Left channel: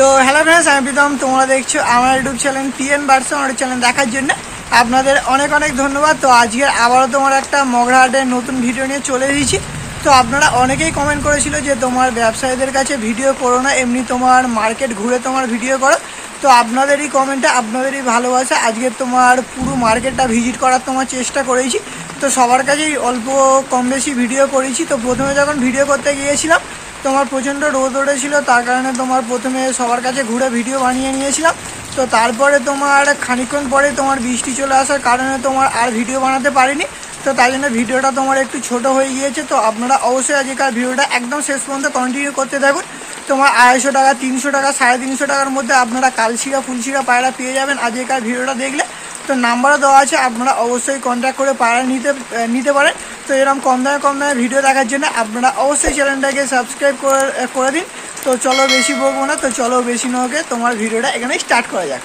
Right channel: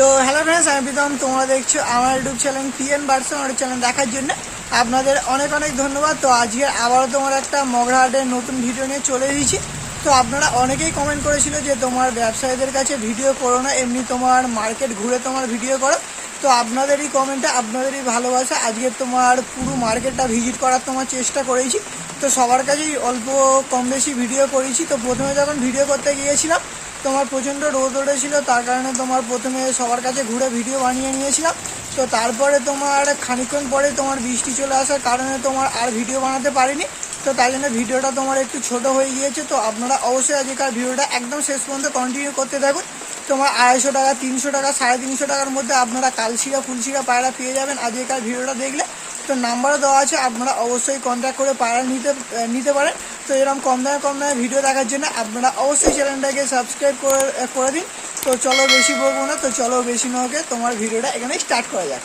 তো hello friends, আমি প্রীতম। তোমরা দেখছো আমার YouTube channel PN version YouTube channel দেখার জন্য আপনাদের অনেক অনেক ধন্যবাদ। তো আজকে আবারও তোমার একটা মগরাহাটের নতুন ভিডিও নিয়ে চলে এসেছি। তো আপনারা অনেকেই কমেন্ট করেছিল যে তোমার ব্যবসায়ীদের কাছে ভিডিও করো না, এমনি তোমার মার্কেট ঘুরে তোমার ভিডিও করো। তো আপনাদেরই কমেন্টে, আপনাদেরই ভালোবাসা আজকে তোমার পুরো মার্কেটটা ভিজিট করার তোমার চেষ্টা করেছি। তো সবার কাছেই অল্প কম বেশি ভিডিও করেছি। তো প্রথমে যখন ভিডিও করতে গিয়েছিলাম তোমার প্রচণ্ড রোদ উঠেছিল, তার কারণে তোমার প্রথমে সবার কাছে ঘুরে ভিডিও বানিয়ে নিয়েছিলাম। তো তারপরে তোমার খানিকক্ষণ পরে তোমার বৃষ্টি চলে আসার কারণে তোমার আর ভিডিও বানাতে পারিনি। তো তাই জন্য ভিডিওটা তোমার একটু ছোট হয়ে গিয়েছে। তো আপনারা অবশ্যই আজকের ভিডিওটা একদম শেষ পর্যন্ত কন্টিনিউ করতে থাকুন। তোমার 250 টাকা, 300 টাকা, 350 টাকার মধ্যে আপনারা কালশিরা ফুলশিরা পায়রা পেয়ে যাবেন আজকের ভিডিওটা দেখলে। তো নাম্বারও দেওয়া আছে, আপনারা অবশ্যই কন্ট্যাক্ট করে পায়রা নিতে পারেন। তো এরকম কম দামে ভিডিও দেখার জন্য আপনারা অবশ্যই চ্যানেলটাকে সাবস্ক্রাইব করে দিন। তো চলো বেশি বলবো না, তো চলো বেশি নকে তোমার ভিডিওটা এখানে স্টার্ট করা যাক।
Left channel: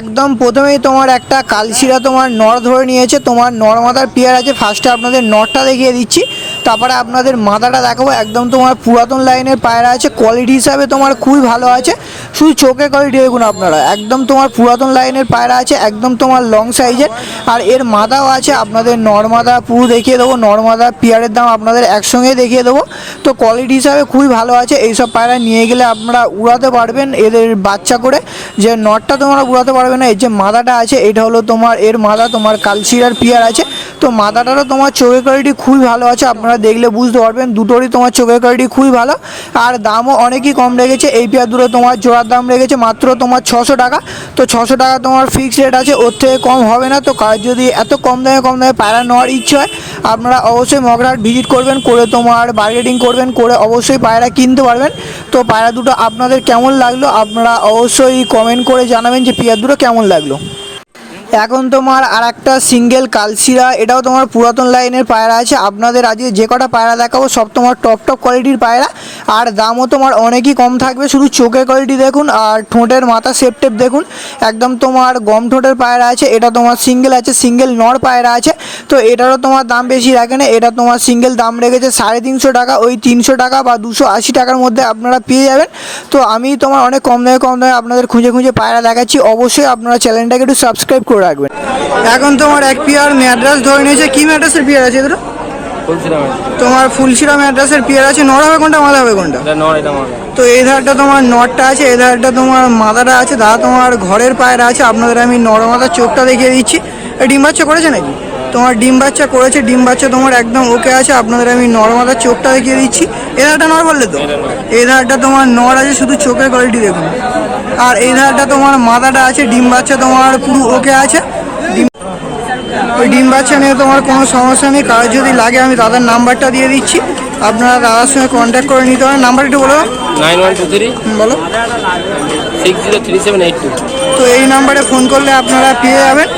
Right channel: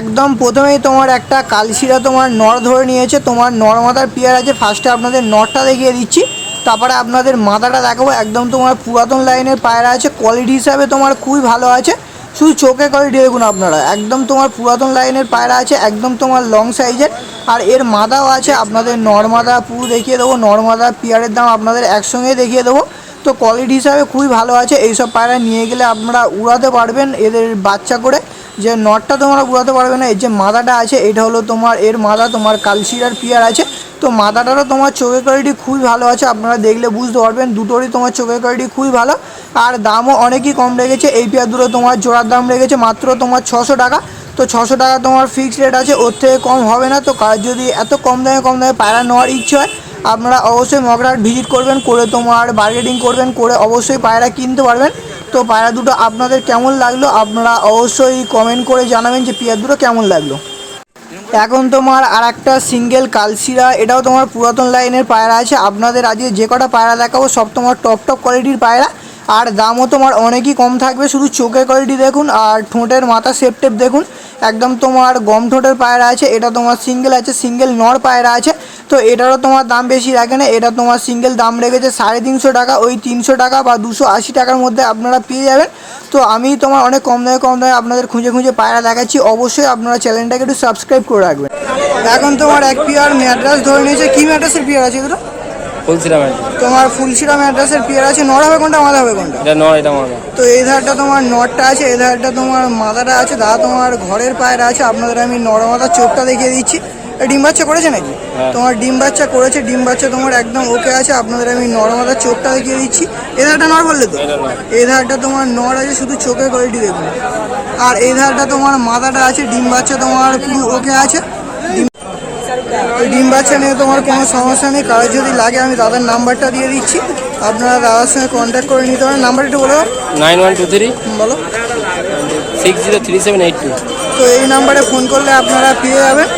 একদম প্রথমেই তোমার একটা কালশিরা তোমার নর ধরে নিয়েছে। তোমার নর মাদার পেয়ার আছে। ফার্স্টে আপনাদের নরটা দেখিয়ে দিচ্ছি, তারপরে আপনাদের মাদাটা দেখাবো। একদম তোমার পুরাতন লাইনের পায়রা আছে, কোয়ালিটি হিসাবে তোমার খুবই ভালো আছে। শুধু চোখে কোয়ালিটি দেখুন আপনারা, একদম তোমার পুরাতন লাইনের পায়রা আছে, একদম তোমার লং সাইজের। আর এর মাদাও আছে, আপনাদের নর মাদা পুরো দেখিয়ে দেবো। নর মাদা পেয়ারের দাম আপনাদের একসঙ্গেই দেখিয়ে দেবো। তো কোয়ালিটি হিসাবে খুবই ভালো আছে। এইসব পায়রা নিয়ে গেলে আপনারা উড়াতে পারবেন এদের বাচ্চা করে। যে নটটা তোমরা উড়াতে পারবে না, এর যে মাদাটা আছে এটা হলো তোমার এর মাদা, তোমার কালশিরার পেয়ার আছে। তো মাদাটারও তোমার চোখের কোয়ালিটি খুবই ভালো আছে, আপনারা দেখলে বুঝতে পারবেন। দুটোরই তোমার চোখের কোয়ালিটি খুবই ভালো, আর দামও অনেকই কম রেখেছে। এই পেয়ার দুটো তোমার জোড়ার দাম রেখেছে মাত্র তোমার 600 টাকা। তো 600 টাকা তোমার ফিক্সড রেট আছে, ওর থেকে কম হবে না। তো কার যদি এত কম দামে পায়রা নেওয়ার ইচ্ছে হয় আপনারা অবশ্যই মগরাহাট ভিজিট করবেন, করে তোমার বার্গেনিং করবেন, করে অবশ্যই পায়রা কিনতে পারবেন। তো পায়রা দুটো আপনাদের কেমন লাগলো আপনারা অবশ্যই কমেন্ট করে জানাবেন যে পেয়ার দুটো কেমন লাগলো। এখন তোমার আর একটা সিঙ্গেল কালশিরা, এটাও তোমার পুরাতন লাইনের পায়রা আছে। আপনাদের আজকে যে কটা পায়রা দেখাবো সব তোমার টপ কোয়ালিটির পায়রা, আর দামও তোমার অনেকই কম থাকবে। শুধু চোখের কোয়ালিটি দেখুন আর ঠোঁটের মাথা শেপ দেখুন, একদম তোমার গম ঠোঁটের পায়রা আছে। এটা তোমার সিঙ্গেল আছে, সিঙ্গেল নর পায়রা আছে। তো এটারও তোমার দাম বেশি রাখে না, এটা তোমার সিঙ্গেল দাম রেখেছে 350 টাকা। ওই 300 টাকা বা 280 টাকার মধ্যে আপনারা পেয়ে যাবেন। তো আমি তোমার অনেক কম দামে আপনাদের খুঁজে পায়রা দেখাচ্ছি। অবশ্যই আপনারা চ্যানেলটাকে একটু সাবস্ক্রাইব করে রাখবেন। এখন তোমার এক পেয়ার ম্যাড্রাস ধরে নিয়েছে। কি ম্যাড্রাসের পেয়ার আছে এগুলো? তোমার ফুলশিরা ম্যাড্রাসের পেয়ার আছে। নর হবে কোনটা, মাদা হবে কোনটা? তো এই ধারটা তোমার নরটা আছে, এই ধারটা তোমার মাদাটা আছে। দাদা তোমার ঘরের পায়রা আছে। আপনাদের আমি নর মাদার চোখটা দেখিয়ে দিচ্ছি। ডিম বাচ্চা করেছে নাকি? তোমার ডিম বাচ্চা করেছে, ডিম বাচ্চা তোমার একদম ওকে আছে। আপনাদের আমি নর মাদার চোখটা দেখিয়ে দিচ্ছি। এই ধারটা নর বললে তো? এই ধারটা তোমার নর আছে, শুধু চোখের কোয়ালিটি দেখুন। আর এই ধারটা তোমার মাদাটা আছে, ডিম বাচ্চা তোমার পুরো ওকে আছে। ওই ডিম বাচ্চা নিয়ে তোমার কোনো সমস্যা নেই। কারো যদি লাগে আমি দাদার নাম্বারটা দিয়ে দিচ্ছি, আপনারা দাদার সঙ্গে কন্ট্যাক্ট করে নিতে পারেন। নাম্বার একটু বলো। 9123 বলো 603782। তো এই নাম্বারে ফোন করলে আপনারা পেয়ে যাবেন।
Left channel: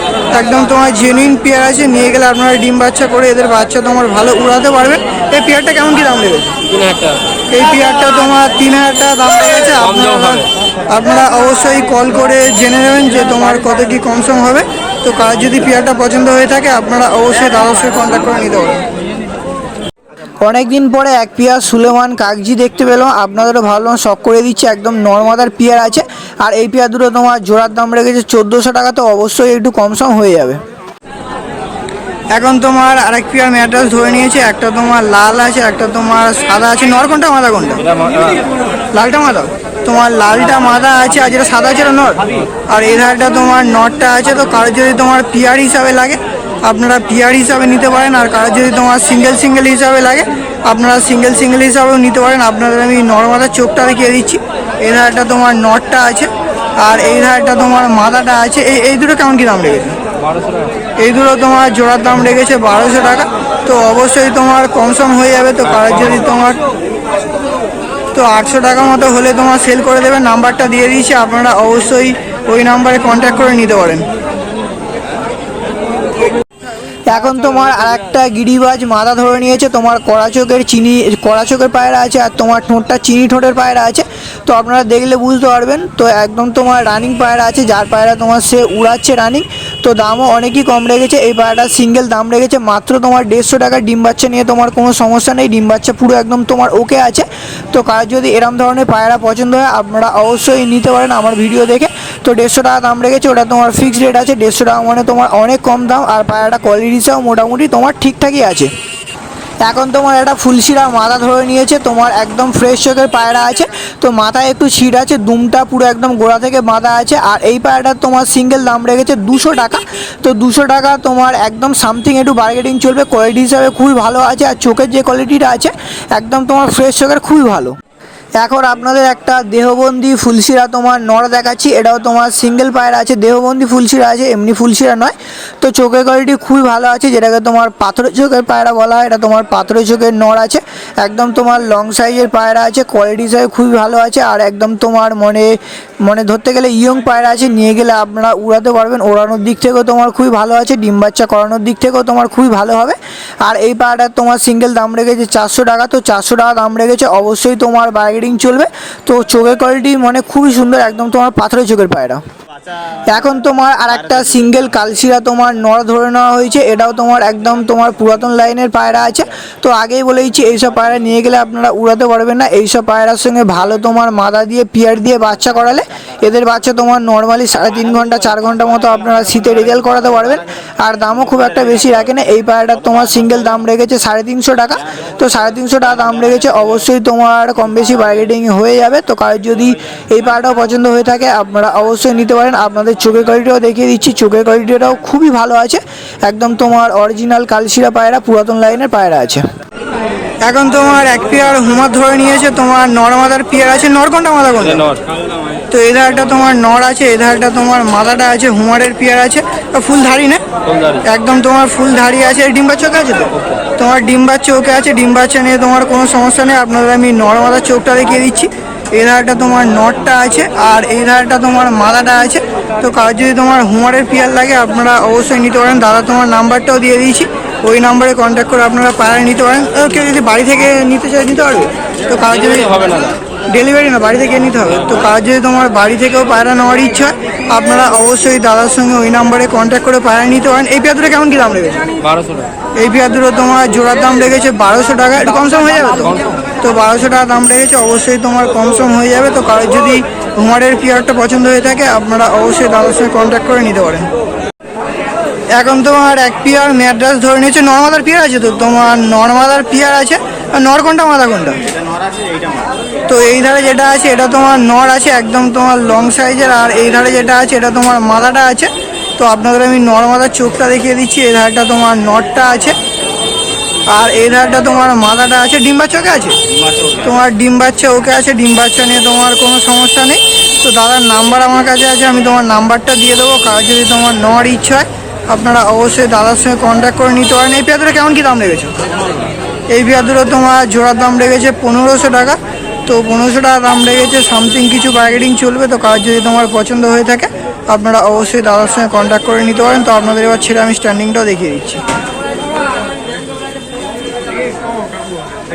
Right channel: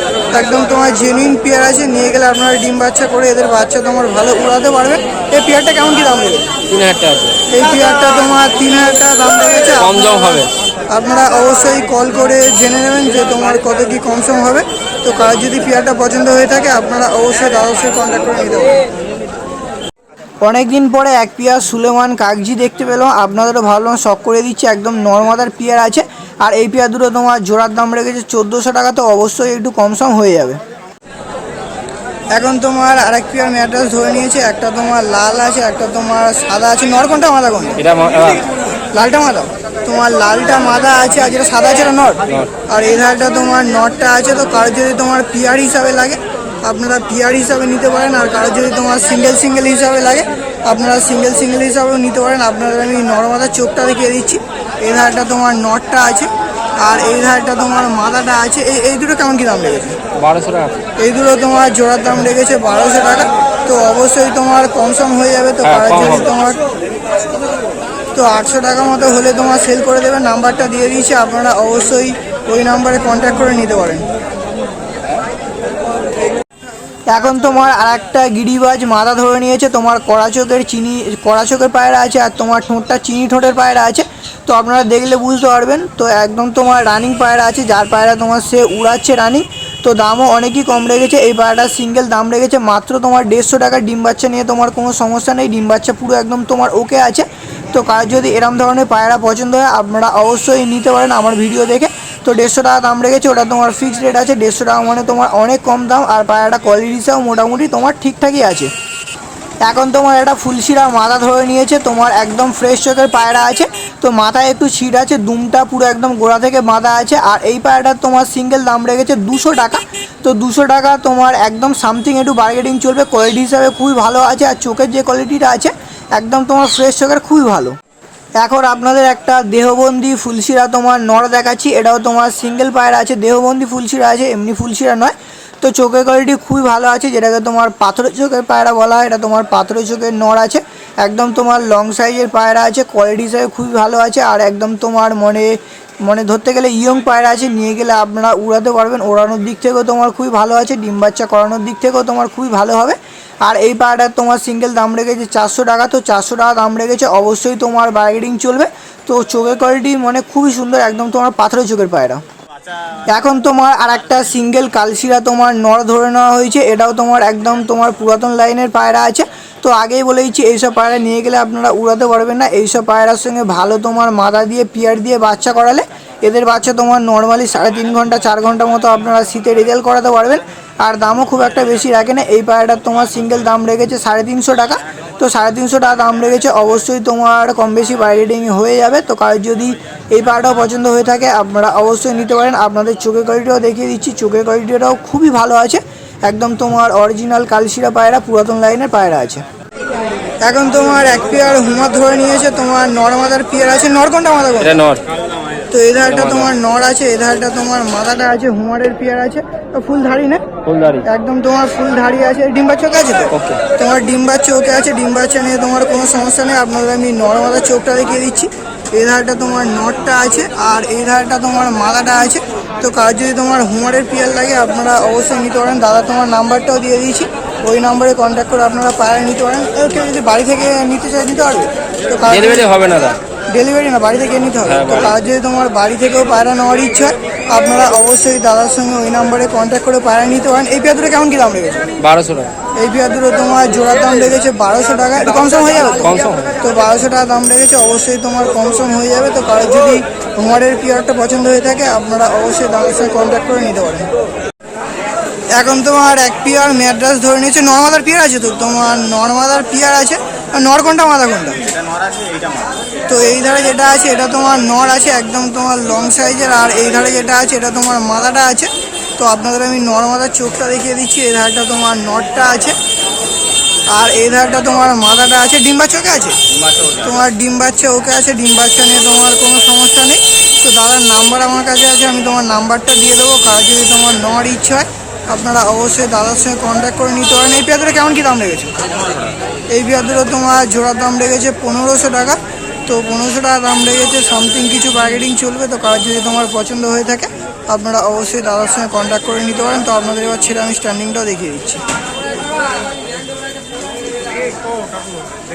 একদম তোমার জেনুইন পেয়ার আছে, নিয়ে গেলে আপনারা ডিম বাচ্চা করে এদের বাচ্চা তোমার ভালো উড়াতে পারবেন। এই পেয়ারটা কেমন কি দাম লেগেছে? 3000 টাকা। এই পেয়ারটা তোমার 3000 টাকা দাম লেগেছে। আপনারা অবশ্যই কল করে জেনে নেবেন যে তোমার কত কি কমসম হবে। তো কার যদি পেয়ারটা পছন্দ হয়ে থাকে আপনারা অবশ্যই দাদার সঙ্গে কন্ট্যাক্ট করে নিতে পারেন। অনেকদিন পরে এক পেয়ার সুলেমান কাগজি দেখতে পেলাম, আপনাদেরও ভাবলাম শখ করে দিচ্ছি। একদম নর্মাদার পেয়ার আছে, আর এই পেয়ার দুটো তোমার জোড়ার দাম রেখেছে 1400 টাকা। তো অবশ্যই একটু কমসম হয়ে যাবে। এখন তোমার আরেক পেয়ার ম্যাড্রাস ধরে নিয়েছে। একটা তোমার লাল আছে, একটা তোমার সাদা আছে। নর কোনটা, মাদা কোনটা? লালটা মাদা। তোমার লালটা মাদা আছে, আর যেটা সাদা আছে নর। আর এই ধারটা তোমার নরটা আছে। তো কারো যদি তোমার পেয়ার হিসাবে লাগে আপনারা পেয়ার হিসাবে নিতে পারেন, আর কারো যদি তোমার সিঙ্গেল হিসাবে লাগে আপনারা সিঙ্গেল হিসাবেও নিতে পারেন। আপনাদের আমি নর মাদার চোখটা দেখিয়ে দিচ্ছি। এই ধারটা তোমার নরটা আছে, আর এই ধারটা তোমার মাদাটা আছে। এই দুটো কেমন কি দাম লেগেছে? 1200 টাকা। এই দুটো তোমার জোড়ার দাম রেখেছে 1200 টাকা। তো অবশ্যই তোমার কমসম হয়ে যাবে। তো কারোর যদি তোমার তো 800 টাকা মতো হলে তোমার সেল করে দেবে। নাম্বারটা দিয়ে দিয়েছি, আপনারা অবশ্যই ওই নাম্বারে কন্ট্যাক্ট করে নিতে পারেন। এখন তোমার আরেকটা গিরিবাজ মাদা ধরে নিয়েছে। তোমার কড়া চোখের পায়রা আছে, আর তোমার ঠোঁটটা চিনি ঠোঁটের পায়রা আছে। তো আপনারা দেখলে বুঝতে পারবেন। তো একদম তোমার রানিং পায়রা আছে, যার পায়রা তোমার সে উড়াচ্ছে রানিং। তো দামও অনেকই কম রেখেছে। এই পায়রাটার সিঙ্গেল দাম রেখেছে মাত্র তোমার 150 টাকা। ডিম বাচ্চা নিয়ে তোমার কোনো সমস্যা নেই, ডিম বাচ্চা পুরো একদম তোমার ওকে আছে। তো কার যদি এরম ধরনের পায়রা পছন্দ হয় আপনারা অবশ্যই নিতে পারেন আমার ভিডিও দেখে। তো 150 টাকা দাম রেখেছে, ওটা তোমার ফিক্সড রেট আছে। 150 টাকা মানে তোমার অনেক কম দাম, আর পায়রাটা কোয়ালিটি হিসাবে মোটামুটি তোমার ঠিকঠাকই আছে। এখন তোমার একটা ফুলশিরা মাথা ধরে নিয়েছে, তোমার একদম ফ্রেশ চোখের পায়রা আছে। তো মাথায় একটু ছিট আছে, দুমটা পুরো একদম গোড়া থেকে বাঁধা আছে। আর এই পায়রাটার তোমার সিঙ্গেল দাম রেখেছে 200 টাকা। তো 200 টাকা তোমার একদম সামথিং একটু বার্গেটিং চলবে। কোয়ালিটি হিসাবে খুবই ভালো আছে, আর চোখের যে কোয়ালিটিটা আছে একদম তোমার ফ্রেশ চোখের, খুবই ভালো। এখন আপনাদের একটা দেহবন্দি ফুলশিরা তোমার নর দেখাচ্ছি। এটাও তোমার সিঙ্গেল পায়রা আছে, দেহবন্দি ফুলশিরা আছে, এমনি ফুলশিরা নয়। তো চোখের কোয়ালিটি খুবই ভালো আছে, যেটাকে তোমার পাথরের চোখের পায়রা বলা হয়। এটা তোমার পাথরের চোখের নর আছে, একদম তোমার লং সাইজের পায়রা আছে। কোয়ালিটি হিসাবে খুবই ভালো আছে, আর একদম তোমার মনে ধরতে গেলে ইয়ং পায়রা আছে। নিয়ে গেলে আপনারা উড়াতে পারবেন, ওড়ানোর দিক থেকেও তোমার খুবই ভালো আছে, ডিম বাচ্চা করানোর দিক থেকেও তোমার খুবই ভালো হবে। আর এই পায়রাটার তোমার সিঙ্গেল দাম রেখেছে 400 টাকা। তো 400 টাকা দাম রেখেছে, অবশ্যই তোমার বার্গেনিং চলবে। তো চোখের কোয়ালিটি খুবই সুন্দর, একদম তোমার পাথরের চোখের পায়রা। এখন তোমার আর একটা সিঙ্গেল কালশিরা তোমার নর ধরে নেওয়া হয়েছে। এটাও তোমার একদম তোমার পুরাতন লাইনের পায়রা আছে। তো আগেই বলে দিচ্ছি, এইসব পায়রা নিয়ে গেলে আপনারা উড়াতে পারবেন না। এইসব পায়রার সঙ্গে ভালো তোমার মাদা দিয়ে পিয়ার দিয়ে বাচ্চা করালে এদের বাচ্চা তোমার নর্মালি 3.5 ঘন্টা 4 ঘন্টা মতো আপনারা শীতে রেজাল্ট করাতে পারবেন। আর দামও খুব একটা বেশি রাখে না। এই পায়রাটার তোমার সিঙ্গেল দাম রেখেছে 350 টাকা। তো 350 টাকা দাম রেখেছে, অবশ্যই তোমার কম বেশি বার্গেটিং হয়ে যাবে। তো কার যদি এই পায়রাটাও পছন্দ হয়ে থাকে আপনারা অবশ্যই নিতে পারেন। আপনাদের চোখের কোয়ালিটিও দেখিয়ে দিচ্ছি, চোখের কোয়ালিটিটাও খুবই ভালো আছে। একদম তোমার অরিজিনাল কালশিরা পায়রা, পুরাতন লাইনের পায়রা আছে। এখন তোমার এক পেয়ার হুমার ধরে নিয়েছে, তোমার নর মাদার পেয়ার আছে। নর কোনটা মাদা কোনটা? তো এই ধারটা তোমার নর আছে, এই ধারটা তোমার মাদাটা আছে। হুমারের পেয়ার আছে, ফুল ধারি না, একদম তোমার ফুল ধারি আছে। ডিম বাচ্চা ওকে আছে, তো তোমার ডিম বাচ্চা ওকে আছে। ডিম বাচ্চা নিয়ে তোমার কোনো সমস্যা নেই। আপনাদের আমি নর মাদার চোখটা দেখিয়ে দিচ্ছি। এই ধারটা তোমার নটটা আছে, আর এই ধারটা তোমার মাদাটা আছে। তো কার যদি তোমার হুমারের পেয়ার লাগে আপনারা অবশ্যই নিতে পারেন। দাদা তোমার নাম্বারটাও দিয়ে দিয়েছি, ওই নাম্বারে কন্ট্যাক্ট করে আপনারা পায়রা নিতে পারেন। কেউ যদি বাড়ি থেকে নিতে চায় নিতে পারবে। তো কার যদি হবে না, ডেলিভারি না, বাড়ি থেকে নিতে হবে। তো কার যদি তোমার বাড়ি থেকেও পায়রা নেওয়ার ইচ্ছা হয় আপনারা অবশ্যই দাদার সঙ্গে ওই নাম্বারে কন্ট্যাক্ট করে পায়রা নিতে পারেন। এই পেয়ার দুটো কেমন কি দাম রেখেছে? 1200 টাকা। এই পেয়ার দুটো তোমার জোড়ার দাম রেখেছে 1200 টাকা। একটু কম সম হয়ে যাবে তো? তো 1200 টাকা দাম রেখেছে, অবশ্যই তোমার কম সম হয়ে যাবে। তো কারোর যদি হুমারের পেয়ারটা পছন্দ হয়ে থাকে আপনারা অবশ্যই দাদার সঙ্গে কন্ট্যাক্ট করে নিতে পারেন। এখন তোমার এক পেয়ার ম্যাড্রাস ধরে নিয়েছে। নর্মাদার পেয়ার আছে, তো তোমার নর্মাদার পেয়ার আছে। নর কোনটা মাদা কোনটা? তো এই ধারে যেটা আছে এটা তোমার নর আছে, একদম তোমার লং সাইজের। আর এই ধারে যেটা আছে এটা তোমার মাদাটা আছে। তো আপনাদের আমি নর মাদার চোখটা দেখিয়ে দিচ্ছি। এই ধারটা তোমার নরটা আছে, আর এই ধারটা তোমার মাদাটা আছে। ডিম বাচ্চা ওকে আছে, তোমার ডিম বাচ্চা ওকে আছে। ডিম বাচ্চা নিয়ে তোমার কোনো সমস্যা নেই। তো দাদার নাম্বার আমার কাছে আছে, আমি তোমার নাম্বারটা দিয়ে দেবো। কার যদি তোমার নেওয়ার ইচ্ছা হয় আপনারা অবশ্যই দাদার সঙ্গে কন্ট্যাক্ট করে নিতে পারেন। এই পেয়ারটা কেমন কী দাম রেখেছে? এই পেয়ারগুলো তোমার জোড়ার দাম রেখেছে 1500 টাকা। তো 1500 টাকা দাম রেখেছে, সামথিং কিছু বার্গেটিং চলবে। তো কার যদি তোমার পছন্দ হয়ে থাকে আপনারা অবশ্যই দাদার সঙ্গে কন্ট্যাক্ট করে নিতে পারেন। তো আপনাদের এবার ছেড়ে আমি স্ট্যান্ডিংটাও দেখিয়ে দিচ্ছি।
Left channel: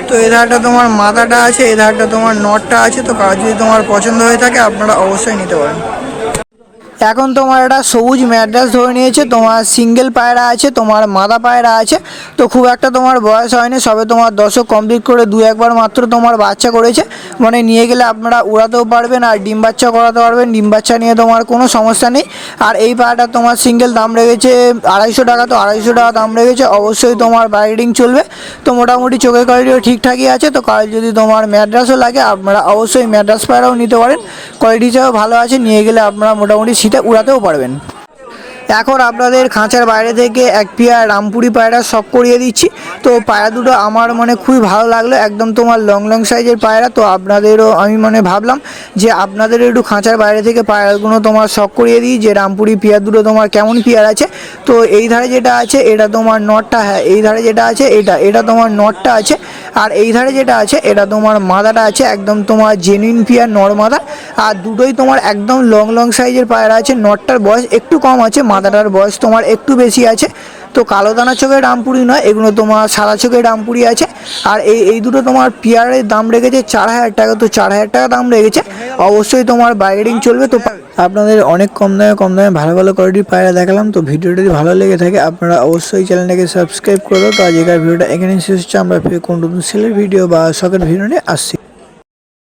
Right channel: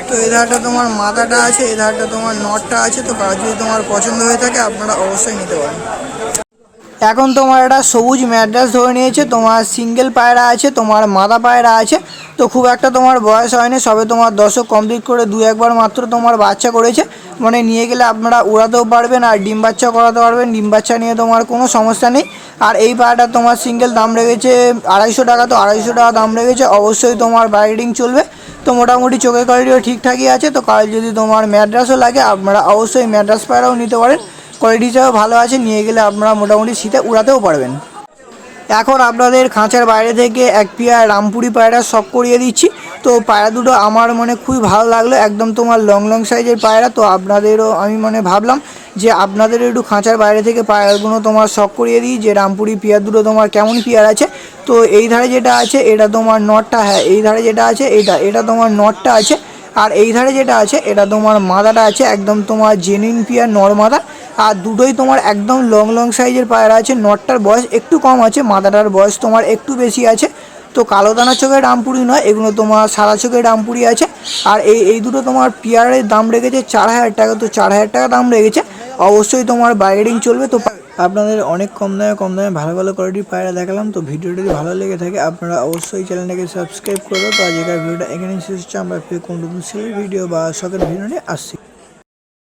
তো এই ধারটা তোমার মাথাটা আছে, এই ধারটা তোমার নটটা আছে। তো কার যদি তোমার পছন্দ হয়ে থাকে আপনারা অবশ্যই নিতে পারেন। এখন তোমার একটা সবুজ ম্যাড্রাস ধরে নিয়েছে, তোমার সিঙ্গেল পায়রা আছে, তোমার মাদা পায়রা আছে। তো খুব একটা তোমার বয়স হয়নি, সবে তোমার দশক কমপ্লিট করে 2-1 বার মাত্র তোমার বাচ্চা করেছে। নিয়ে গেলে আপনারা উড়াতেও পারবেন আর ডিম বাচ্চা করাতে পারবেন। ডিম বাচ্চা নিয়ে তোমার কোনো সমস্যা নেই। আর এই পায়রাটা তোমার সিঙ্গেল দাম রেখেছে 250 টাকা। তো 250 টাকা দাম রেখেছে, অবশ্যই তোমার ব্রাইডিং চলবে। তো মোটামুটি চোখের কোয়ালিটিও ঠিকঠাকই আছে। তো কাল যদি তোমার ম্যাড্রাসও লাগে আপনারা অবশ্যই ম্যাড্রাস পায়রাও নিতে পারেন, কোয়ালিটিটাও ভালো আছে। নিয়ে গেলে আপনারা মোটামুটি শীতে উড়াতেও পারবেন। এখন আপনাদের খাঁচার বাইরে থেকে এক পেয়ার রামপুরি পায়রা শখ করিয়ে দিচ্ছি। তো পায়রা দুটো আমার খুবই ভালো লাগলো, একদম তোমার লং সাইজের পায়রা। তো আপনাদেরও আমি ভাবলাম যে আপনাদের একটু খাঁচার বাইরে থেকে পায়রাগুলো তোমার শখ করিয়ে দিই, যে রামপুরি পেয়ার দুটো তোমার কেমন পেয়ার আছে। তো এই ধারে যেটা আছে এটা তোমার নটটা, হ্যাঁ এই ধারে যেটা আছে এটা তোমার নটটা আছে। আর এই ধারে যেটা আছে এটা তোমার মাদাটা আছে, একদম তোমার জেনুইন পেয়ার নর মাদা। আর দুটোই তোমার একদম লং সাইজের পায়রা আছে। নটটার বয়স একটু কম আছে, মাদাটার বয়স তোমার একটু বেশি আছে। তো কালো দানা চোখের রামপুরি নয়, এগুলো তোমার সাদা চোখের রামপুরি আছে। আর এই দুটো তোমার পেয়ারের দাম রেখেছে 4000 টাকা। তো 4000 টাকা দাম রেখেছে, অবশ্যই তোমার বার্গেনিং চলবে। তো আপনাদের অনেক কম দামে ভালো ভালো কোয়ালিটির পায়রা দেখালাম। তো ভিডিওটি যদি ভালো লেগে থাকে আপনারা অবশ্যই চ্যানেলটাকে সাবস্ক্রাইব করে দাও। তো আজকের ভিডিওটা এখানেই শেষ হচ্ছে। আমরা ফিরে কোন নতুন সেলের ভিডিও বা শখের ভিডিও নিয়ে আসছি।